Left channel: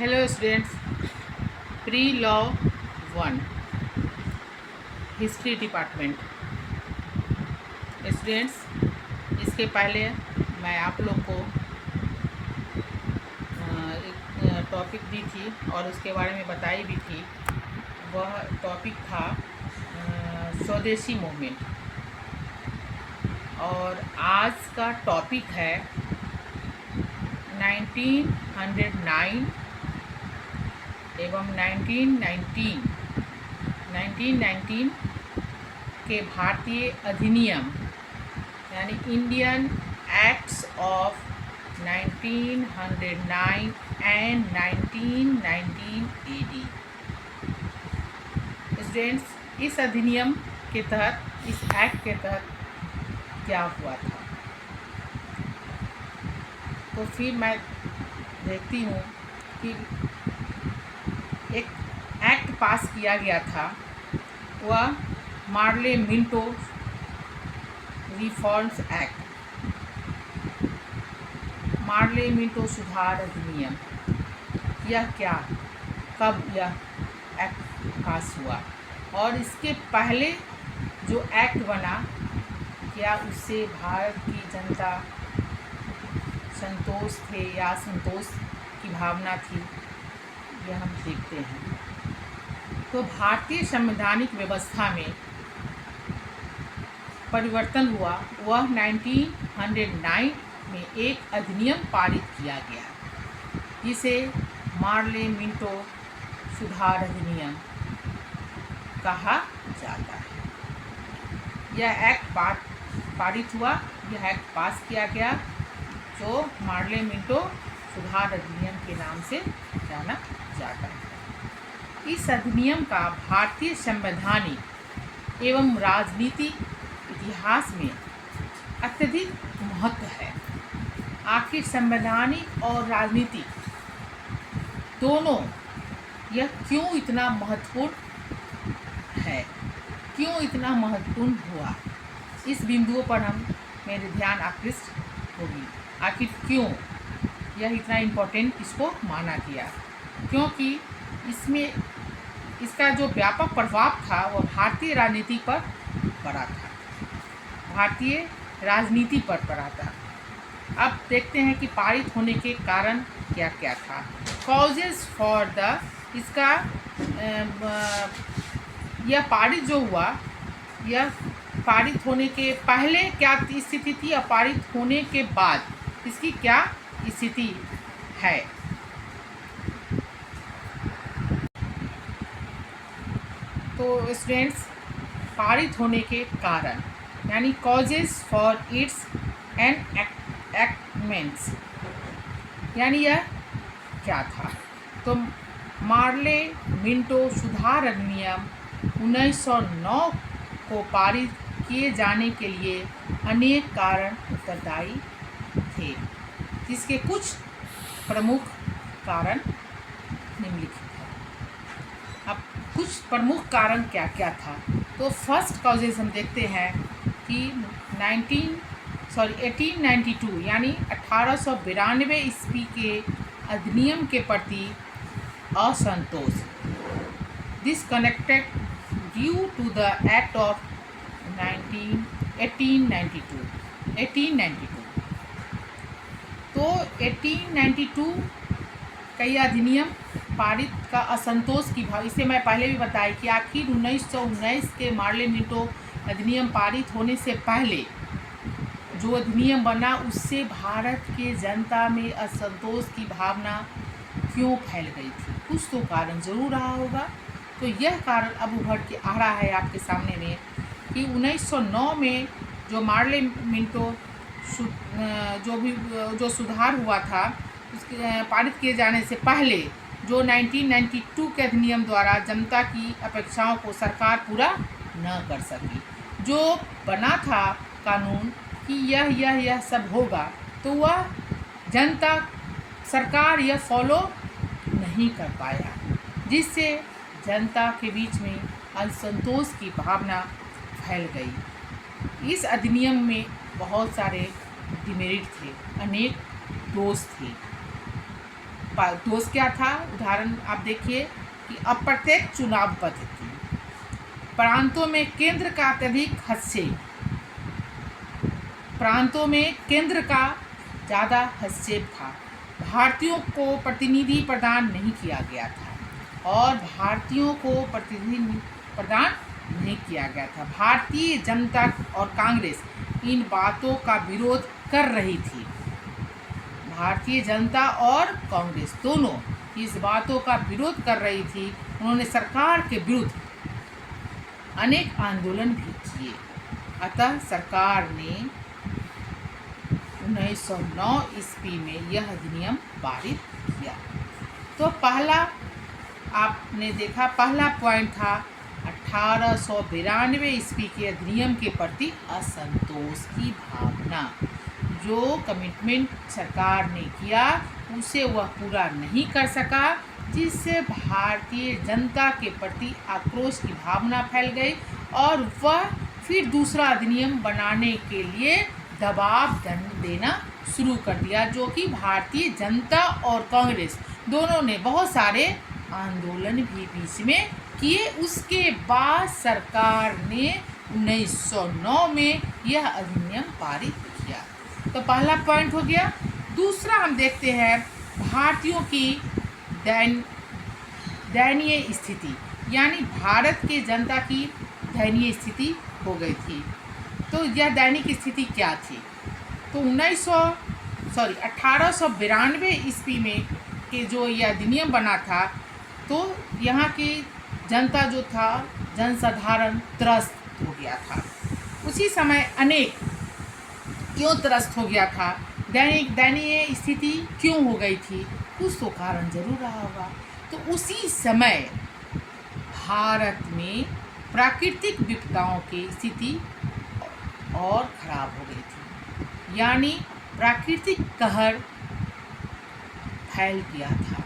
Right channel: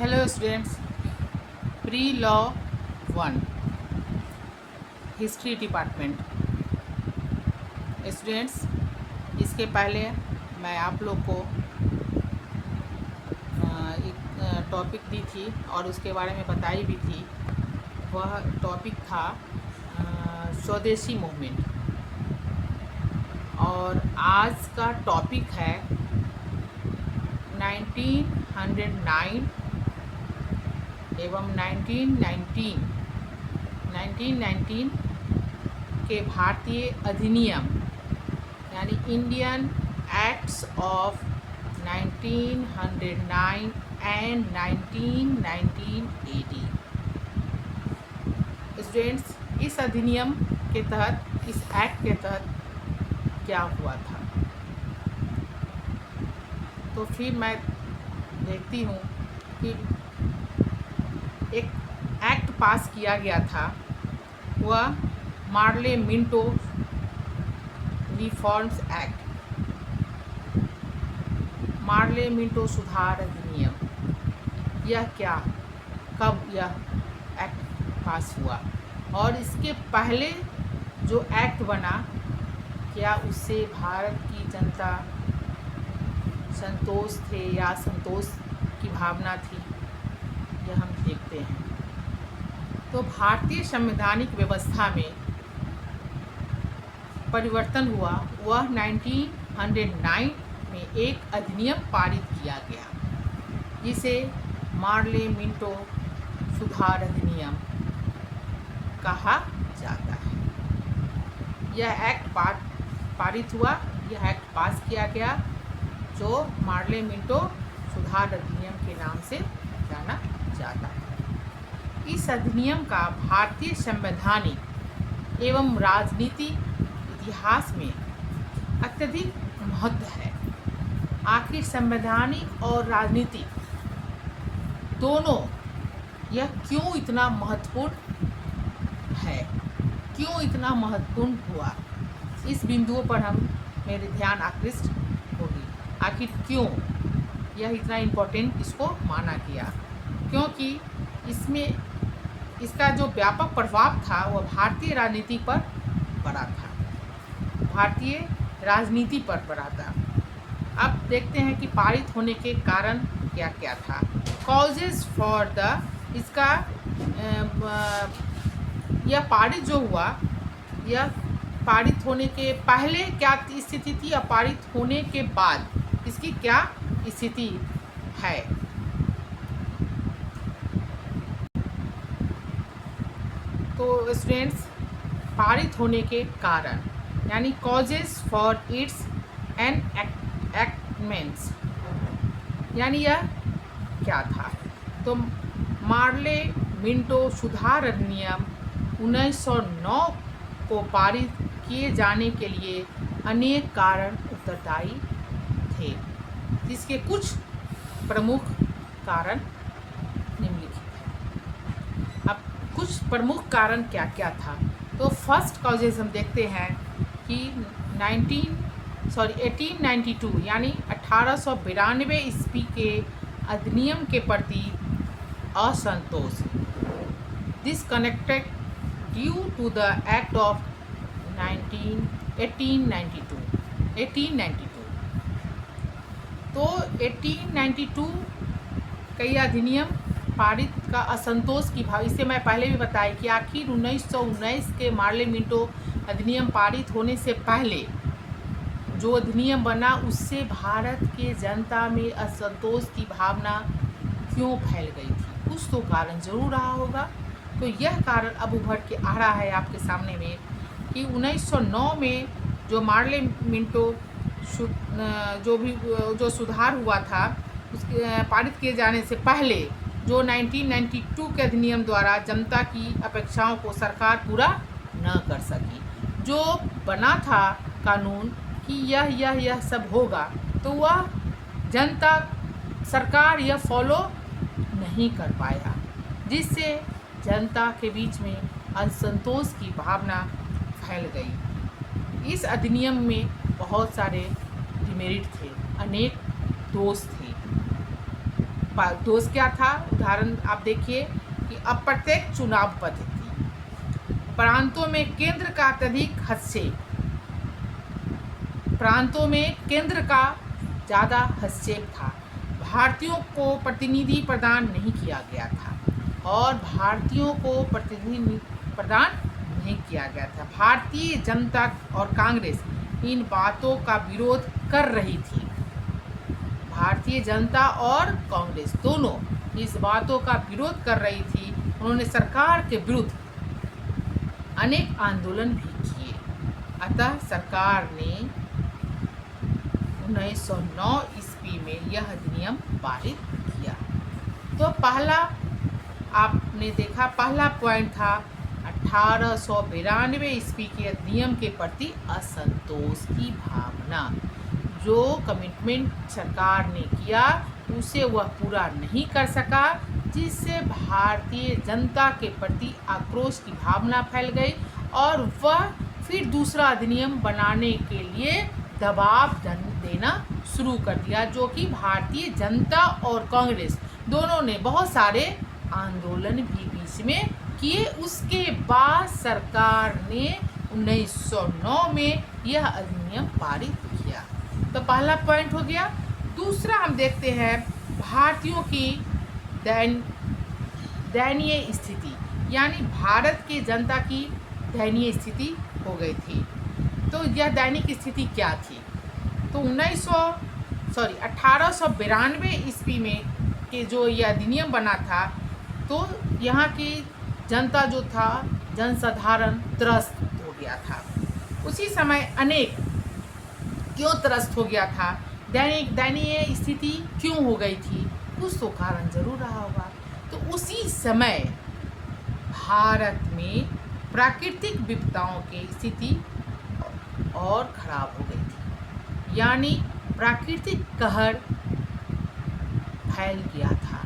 Hello students, pre law one history department students. इसके पहले मैं आप लोग को एक टॉपिक दी थी और उसके बारे में बताई भी थी। वह टॉपिक था स्वदेशी मूवमेंट और आज का टॉपिक है 1909 एवं 1919 के भारतीय अधिनियम यानी Indian acts of 1909 and 1919 AD। Students, इस अधिनियम के तहत, इस एक्ट के तहत क्या हुआ था, तो फिर मैं देखती हूँ कि एक एक्ट पास किया गया था। वह Morley Minto reforms act, Morley Minto सुधार अधिनियम। यह क्या, कब यह एक्ट पास हुआ और इसके पहले जो एक्ट बना, क्या उससे भारत की जनता संतोष थे या संतोष की भावना थी, यह हम देखते हैं। तो भारतीय संवैधानिक व्यवस्था में परिवर्तन हुआ। वह 1909 में एक अधिनियम पारित किया गया जिसे मार्ले मिंटो सुधार अधिनियम कहा जाता है। यह एक्ट पारित हुआ, यह एक्ट पास किया गया जो मार्ले मिंटो सुधार अधिनियम के नाम से जाना जाता है। इस अधिनियम का भारतीय संवैधानिक एवं राजनीतिक इतिहास में अत्यधिक महत्व है। आखिर संवैधानिक और राजनीतिक दोनों यह क्यों इतना महत्वपूर्ण है, क्यों इतना महत्वपूर्ण हुआ, इस बिंदुओं पर हम मेरे ध्यान आकृष्ट होगी। आखिर क्यों यह इतना इम्पोर्टेंट इसको माना गया, क्योंकि इसमें इसका जो व्यापक प्रभाव था वह भारतीय राजनीति पर पड़ा था, भारतीय राजनीति पर पड़ा था। अब देखते हैं कि पारित होने के कारण क्या क्या था। कॉजेज फॉर द, इसका यह पारित जो हुआ, यह पारित होने के पहले क्या स्थिति थी और पारित होने के बाद इसकी क्या स्थिति है। तो स्टूडेंट्स, पारित होने के कारण यानी कॉजेज फॉर इट्स एंड एक्टमेंट्स, यानी यह क्या था। तो मार्ले मिंटो सुधार अधिनियम 1909 को पारित किए जाने के लिए अनेक कारण उत्तरदायी थे, जिसके कुछ प्रमुख कारण निम्नलिखित हैं। अब कुछ प्रमुख कारण क्या क्या था, तो फर्स्ट कॉजेज हम देखते हैं कि 1892 यानी 1892 ईस्वी के अधिनियम के प्रति असंतोष, disconnected due to the act of 1892। तो 1892 का यह अधिनियम पारित का असंतोष की भाव, इससे मैं पहले भी बताया कि आखिर 1919 के मार्ले मिंटो अधिनियम पारित होने से पहले जो अधिनियम बना उससे भारत के जनता में असंतोष की भावना क्यों फैल गई थी, कुछ तो कारण जरूर रहा होगा। तो यह कारण अब उभर के आ रहा है आपके सामने में कि 1909 में जो मार्ले मिंटो जो सुधार हुआ था, उसके पारित किए जाने से पहले जो 1992 के अधिनियम द्वारा जनता की अपेक्षाओं को सरकार पूरा न कर सकी, जो बना था कानून कि यह सब होगा, तो वह जनता, सरकार यह फॉलो नहीं कर पाया, जिससे जनता के बीच में असंतोष की भावना फैल गई। इस अधिनियम में बहुत सारे डिमेरिट थे, अनेक दोष थे। दोष क्या था? उदाहरण आप देखिए कि अप्रत्यक्ष चुनाव पद्धति, प्रांतों में केंद्र का अत्यधिक हस्तक्षेप, प्रांतों में केंद्र का ज़्यादा हस्तक्षेप था, भारतीयों को प्रतिनिधि प्रदान नहीं किया गया था और भारतीयों को प्रतिनिधि प्रदान नहीं किया गया था। भारतीय जनता और कांग्रेस इन बातों का विरोध कर रही थी। भारतीय जनता और कांग्रेस दोनों इस बातों का विरोध कर रही थी। उन्होंने सरकार के विरुद्ध अनेक आंदोलन भी किए। अतः सरकार ने 1909 ईस्वी में यह अधिनियम पारित किया। तो पहला आपने देखा, पहला पॉइंट था 1892 ईस्वी के अधिनियम के प्रति असंतोष की भावना। जो कमिटमेंट सरकार ने किया उसे वह पूरा नहीं कर सका, जिससे भारतीय जनता के प्रति आक्रोश की भावना फैल गई और वह फिर दूसरा अधिनियम बनाने के लिए दबाव देना शुरू कर दिया, जो कि भारतीय जनता और कांग्रेस दोनों ने बहुत सारे आंदोलन भी बीच में किए। उसके बाद सरकार ने 1909 में यह अधिनियम पारित किया। तो पहला पॉइंट हो गया। दूसरा हम देखते हैं भारतीयों की दयनीय स्थिति, यानी भारत की जनता की दयनीय स्थिति हो गई थी। तो यह दैनिक स्थिति क्या थी? तो 1892 ईस्वी में के जो यह अधिनियम बना था, तो यहाँ की जनता जो था, जनसाधारण त्रस्त हो गया था। उसी समय अनेक क्यों त्रस्त हो गया था, दयनीय स्थिति क्यों हो गई थी? कुछ तो कारण जरूर रहा होगा। तो उसी समय भारत में प्राकृतिक विपदाओं की स्थिति और खराब हो गई थी, यानी प्राकृतिक कहर फैल गया था,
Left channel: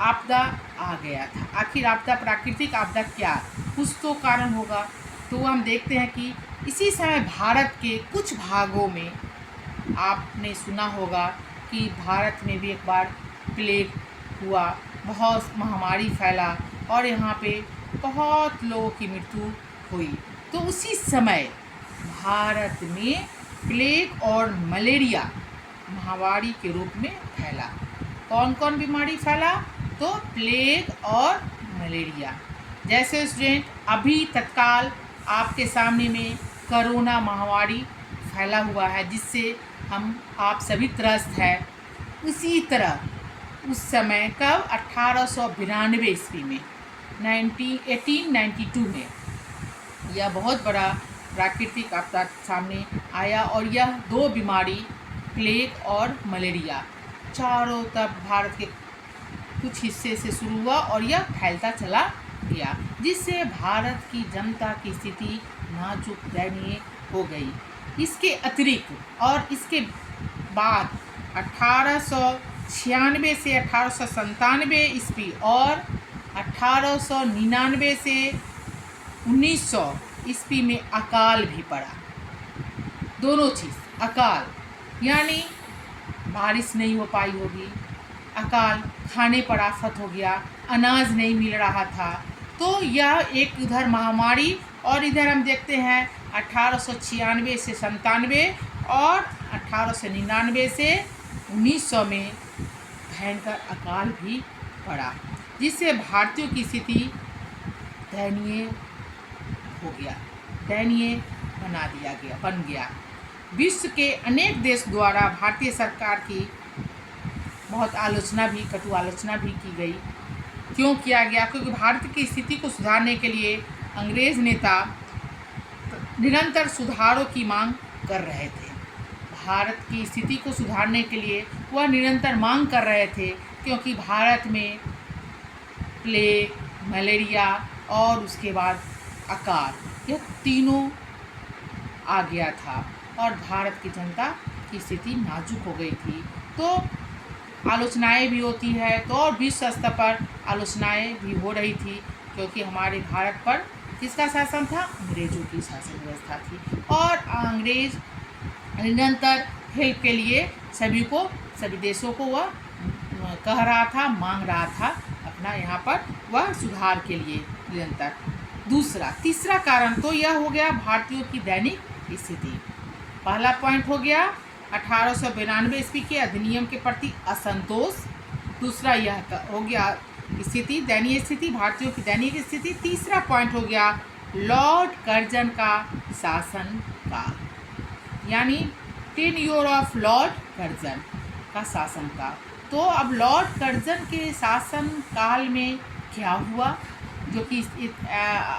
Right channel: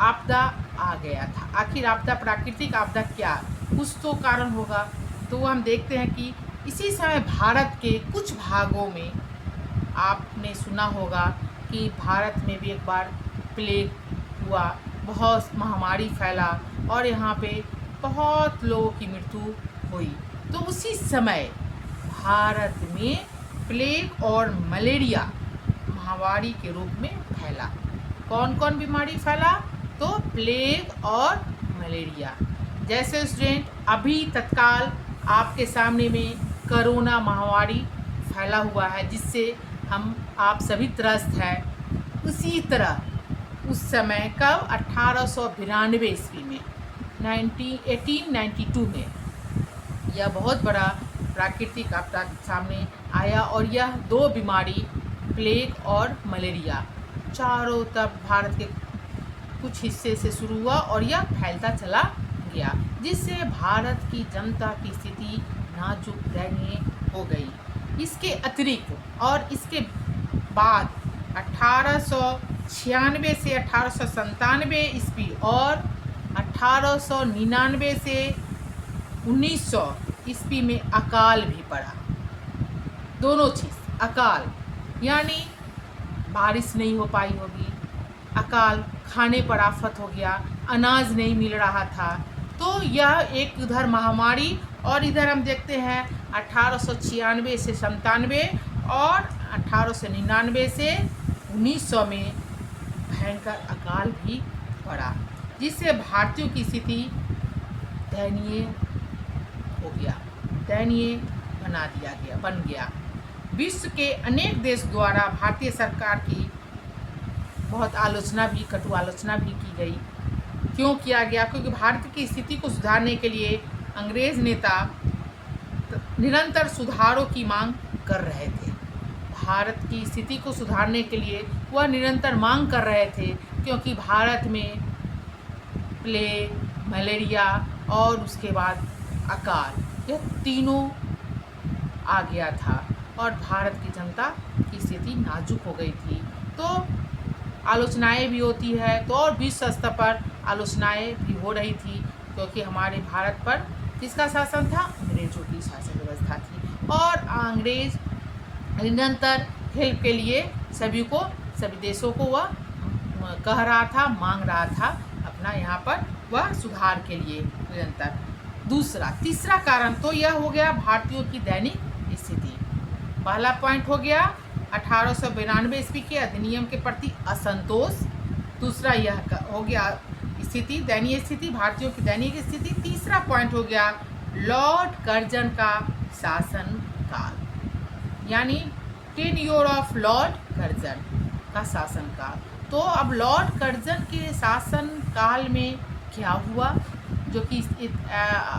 आपदा आ गया था। आखिर आपदा, प्राकृतिक आपदा क्या? कुछ तो कारण होगा। तो हम देखते हैं कि इसी समय भारत के कुछ भागों में आपने सुना होगा कि भारत में भी एक बार प्लेग हुआ, बहुत महामारी फैला और यहाँ पे बहुत लोगों की मृत्यु हुई। तो उसी समय भारत में प्लेग और मलेरिया महामारी के रूप में फैला। कौन कौन बीमारी फैला? तो प्लेग और मलेरिया। जैसे स्टूडेंट अभी तत्काल आपके सामने में कोरोना महामारी फैला हुआ है, जिससे आप सभी त्रस्त हैं। उसी तरह उस समय का 1892 ईस्वी में 1892 में यह बहुत बड़ा प्राकृतिक आपदा सामने आया और यह दो बीमारी, प्लेग और मलेरिया, चारों तरफ भारत के कुछ हिस्से से शुरू हुआ और यह फैलता चला गया, जिससे भारत की जनता की स्थिति नाजुक दयनीय हो गई। इसके अतिरिक्त और इसके बाद 1896 से 1897 ईस्वी और 1899 से 1900 ईस्वी में अकाल भी पड़ा। दोनों चीज़, अकाल यानी बारिश नहीं हो पाई होगी, अकाल खाने पर आफत हो गया, अनाज नहीं मिल रहा था। तो यह एक उधर महामारी और इधर हम देखते हैं 1896 से 97 और 1899 से 1900 में भयंकर अकाल भी पड़ा, जिससे भारतीयों की स्थिति दयनीय हो गया, दयनीय बन गया। विश्व के अनेक देश द्वारा भारतीय सरकार की बहुत आलोचना भी, कटु आलोचना भी की गई। क्यों किया गया? क्योंकि भारत की स्थिति को सुधारने के लिए अंग्रेज नेता निरंतर सुधारों की मांग कर रहे थे। भारत की स्थिति को सुधारने के लिए वह निरंतर मांग कर रहे थे, क्योंकि भारत में प्लेग, मलेरिया और उसके बाद अकाल, यह तीनों आ गया था और भारत की जनता की स्थिति नाजुक हो गई थी। तो आलोचनाएं भी होती है, तो और विश्व स्तर पर आलोचनाएं भी हो रही थी, क्योंकि हमारे भारत पर किसका शासन था? अंग्रेजों की शासन व्यवस्था थी और अंग्रेज निरंतर हेल्प के लिए सभी देशों को वह कह रहा था, मांग रहा था अपना यहाँ पर वह सुधार के लिए निरंतर। तीसरा कारण तो यह हो गया भारतीयों की दैनिक स्थिति। पहला पॉइंट हो गया 1892 ईस्वी के अधिनियम के प्रति असंतोष। दूसरा यह हो गया स्थिति, दयनीय स्थिति, भारतीयों की दैनिक स्थिति। तीसरा पॉइंट हो गया लॉर्ड कर्जन का शासन काल, यानी 10 ईयर ऑफ लॉर्ड कर्जन का शासन काल। तो अब लॉर्ड कर्जन के शासन काल में क्या हुआ जो कि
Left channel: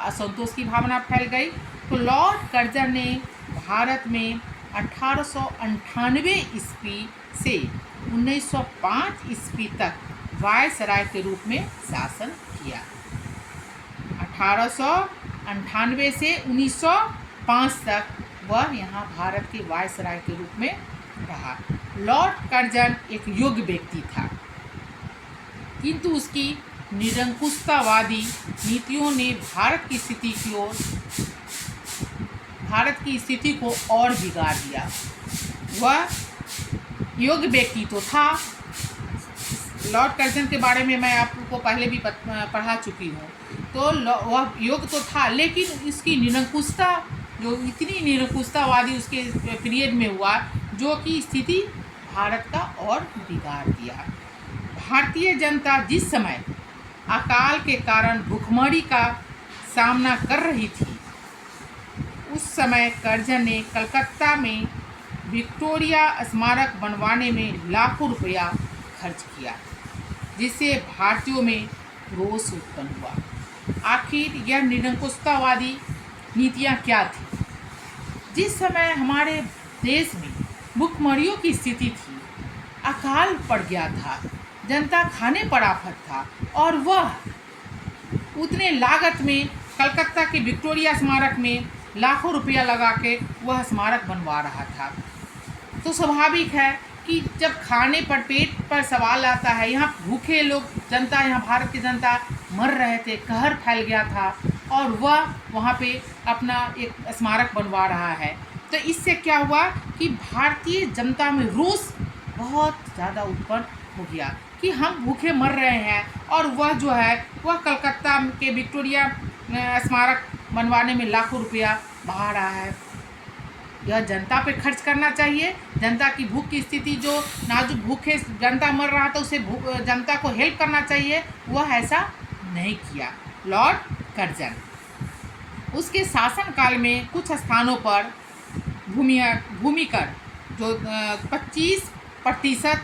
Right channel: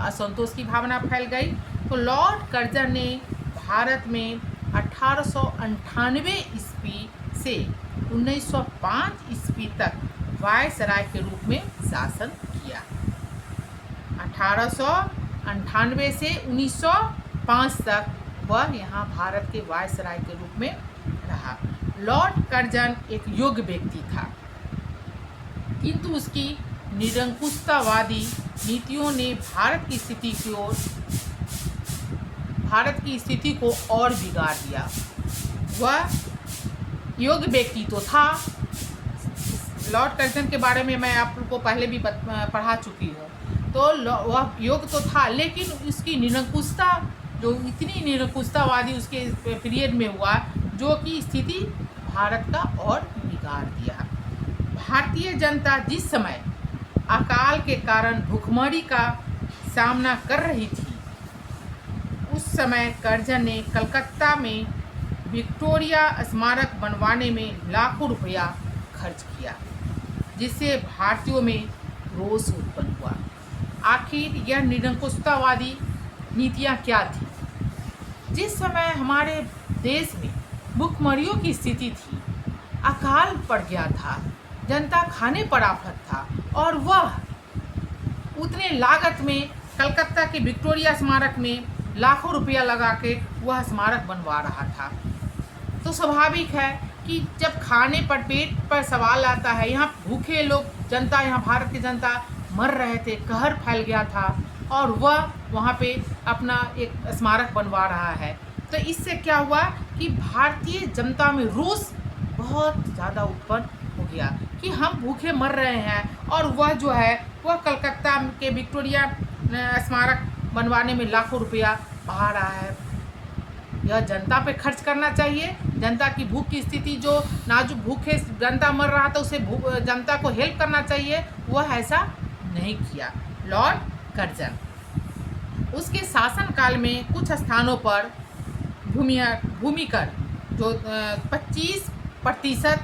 असंतोष की भावना फैल गई। तो लॉर्ड कर्जन ने भारत में 1898 ईस्वी से 1905 ईस्वी तक वायसराय के रूप में शासन किया। 1898 से 1905 तक वह यहाँ भारत के वायसराय के रूप में रहा। लॉर्ड कर्जन एक योग्य व्यक्ति था, किंतु उसकी निरंकुशतावादी नीतियों ने भारत की स्थिति को और बिगाड़ दिया। वह योग्य व्यक्ति तो था, लॉर्ड कर्जन के बारे में मैं आपको पहले भी पढ़ा चुकी हूँ। तो वह योग्य तो था, लेकिन इसकी निरंकुशता, जो इतनी निरंकुशतावादी उसके पीरियड में हुआ, जो कि स्थिति भारत का और बिगाड़ दिया। भारतीय जनता जिस समय अकाल के कारण भुखमरी का सामना कर रही थी, उस समय कर्जन ने कलकत्ता में विक्टोरिया स्मारक बनवाने में लाखों रुपया खर्च किया, जिससे भारतीयों में रोष उत्पन्न हुआ। आखिर यह निरंकुशतावादी नीतियाँ क्या थी? जिस समय हमारे देश में भुखमरियों की स्थिति थी, अकाल पड़ गया था, जनता खाने पर आफत था, और वह उतने लागत में कलकत्ता के विक्टोरिया स्मारक में लाखों रुपया लगा के वह स्मारक बनवा रहा था। तो स्वाभाविक है कि जब खाने पर, पेट पर सवाल आता है, यहाँ भूखे लोग, जनता, यहाँ भारत की जनता मर रहे थे, कहर फैल गया था, और वह वहाँ पे अपना एक स्मारक बनवा रहा है। तो इससे क्या हुआ कि भारतीय जनता में रोष बहुत ज़्यादा उत्पन्न हो गया कि हम भूखे मर रहे हैं, और वह जो है वह कलकत्ता के विक्टोरिया स्मारक बनवाने में लाखों रुपया बहा रहा है। यह जनता पे खर्च करना चाहिए। जनता की भूख की स्थिति, जो नाजुक भूखे जनता मर रहा था, उसे जनता को हेल्प करना चाहिए, वह ऐसा नहीं किया लॉर्ड कर्जन। उसके शासनकाल में कुछ स्थानों पर भूमिकर जो 25%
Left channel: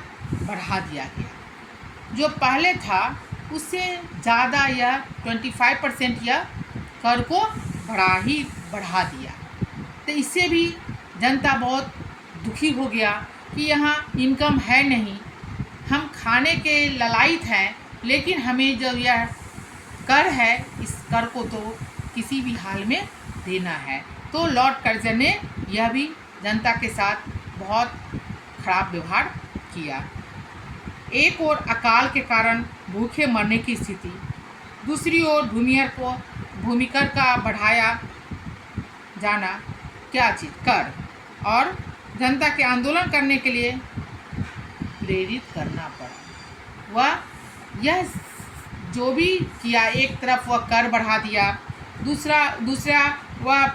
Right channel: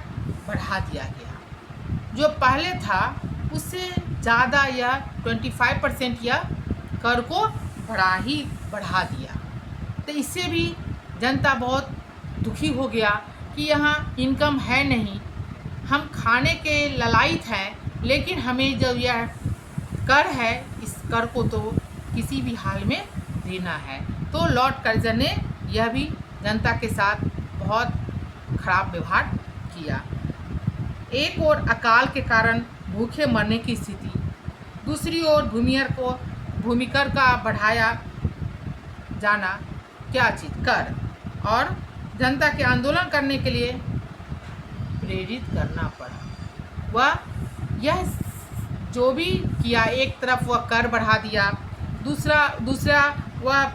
बढ़ा दिया गया। जो पहले था उससे ज़्यादा यह 25% यह कर को बढ़ा दिया। तो इससे भी जनता बहुत दुखी हो गया कि यहाँ इनकम है नहीं, हम खाने के ललायत हैं, लेकिन हमें जो यह कर है, इस कर को तो किसी भी हाल में देना है। तो लॉर्ड कर्जन ने यह भी जनता के साथ बहुत खराब व्यवहार किया। एक ओर अकाल के कारण भूखे मरने की स्थिति, दूसरी ओर भूमिकर का बढ़ाया जाना क्या चीज़, कर, और जनता के आंदोलन करने के लिए प्रेरित करना पड़ा। वह यह जो भी किया, एक तरफ वह कर बढ़ा दिया, दूसरा वह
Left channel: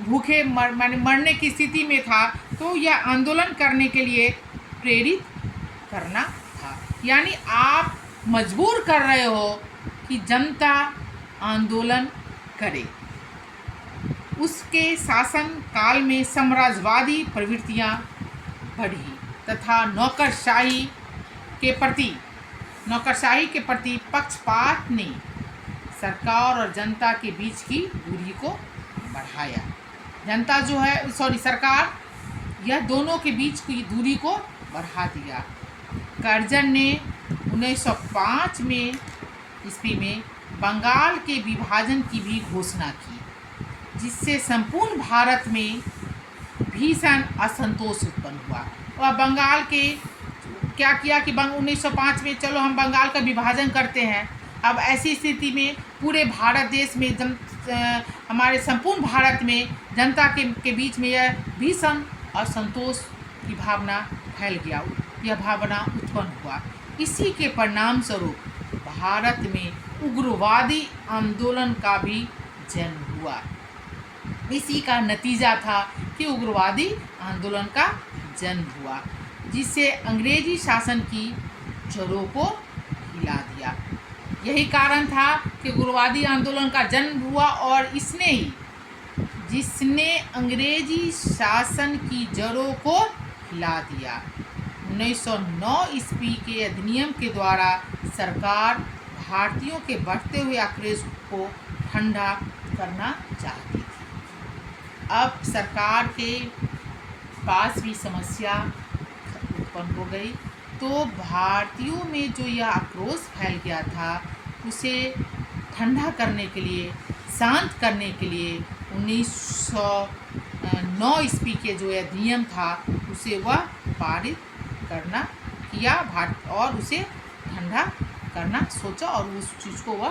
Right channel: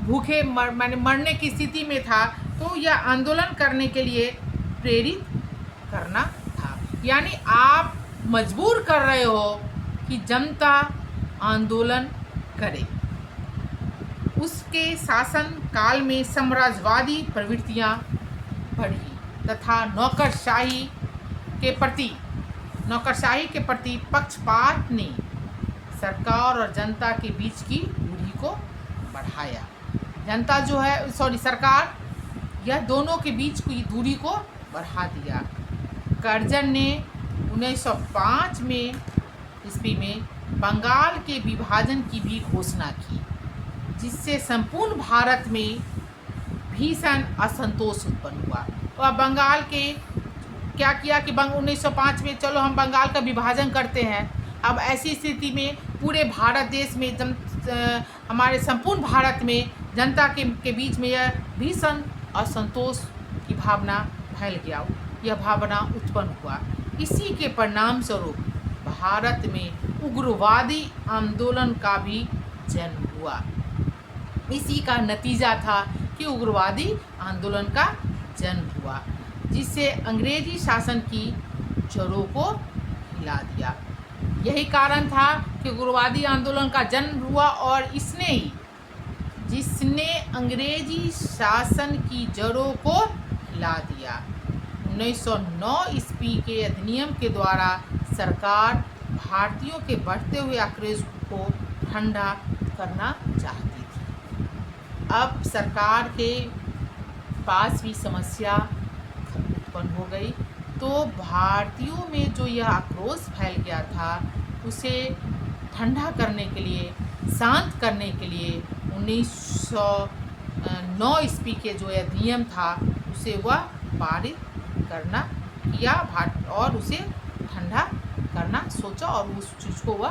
भूखे मरने की स्थिति में था, तो यह आंदोलन करने के लिए प्रेरित करना था। यानी आप मजबूर कर रहे हो कि जनता आंदोलन करे। उसके शासन काल में साम्राज्यवादी प्रवृत्तियां बढ़ी तथा नौकरशाही के प्रति पक्षपात ने सरकार और जनता के बीच की दूरी को बढ़ाया। सरकार यह दोनों के बीच की दूरी को बढ़ा दिया। कर्जन ने 1905 ईस्वी में बंगाल के विभाजन की भी घोषणा की, जिससे संपूर्ण भारत में भीषण असंतोष उत्पन्न हुआ। और बंगाल के क्या किया कि 1905 में चलो हम बंगाल का विभाजन करते हैं। अब ऐसी स्थिति में पूरे भारत देश में हमारे संपूर्ण भारत में जनता के बीच में यह भीषण असंतोष की भावना फैल गया। यह भावना उत्पन्न हुआ। इसी के परिणाम स्वरूप भारत में उग्रवादी आंदोलन का भी जन्म हुआ। इसी का नतीजा था कि उग्रवादी आंदोलन का जन्म हुआ, जिससे अंग्रेजी शासन की जड़ों को हिला दिया। यही कारण था कि उग्रवादी आंदोलन का जन्म हुआ और जिसने अंग्रेजी शासन की जड़ों को हिला दिया। 1909 ईस्वी के अधिनियम के द्वारा सरकार भारतीयों के बढ़ते हुए आक्रोश को ठंडा करना चाहती थी। अब सरकार के पास भी समस्या उत्पन्न हो गई, तो भारतीयों में जो यह आक्रोश फैल गया था उसे ठंडा करने के लिए, शांत करने के लिए 1909 ईस्वी के जो अधिनियम था उसे वह पारित करना किया और उसे ठंडा करना सोचा और उस चीज़ को वह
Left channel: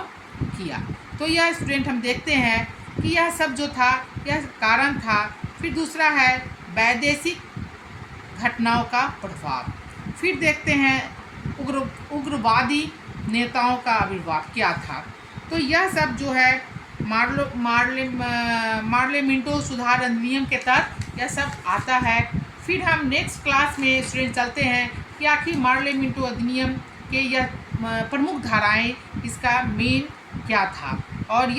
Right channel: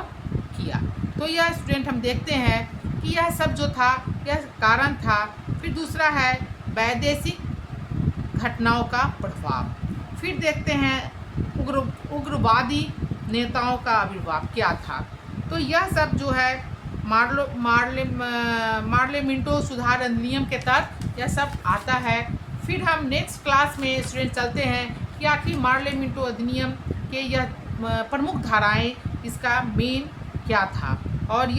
किया। तो यह स्टूडेंट हम देखते हैं कि यह सब जो था यह कारण था। फिर दूसरा है वैदेशिक घटनाओं का प्रभाव। फिर देखते हैं उग्रवादी नेताओं का आविर्भाव क्या था। तो यह सब जो है मार्ले मिंटो सुधार अधिनियम के तहत यह सब आता है। फिर हम नेक्स्ट क्लास में स्टूडेंट चलते हैं कि आखिर मार्ले मिंटो अधिनियम के यह प्रमुख धाराएं, इसका मेन क्या था और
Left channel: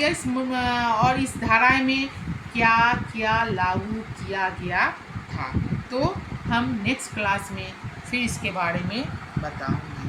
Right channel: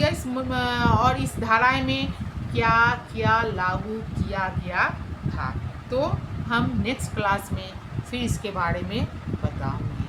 इस धाराएं में क्या क्या लागू किया गया था। तो हम नेक्स्ट क्लास में फिर इसके बारे में बताऊंगी।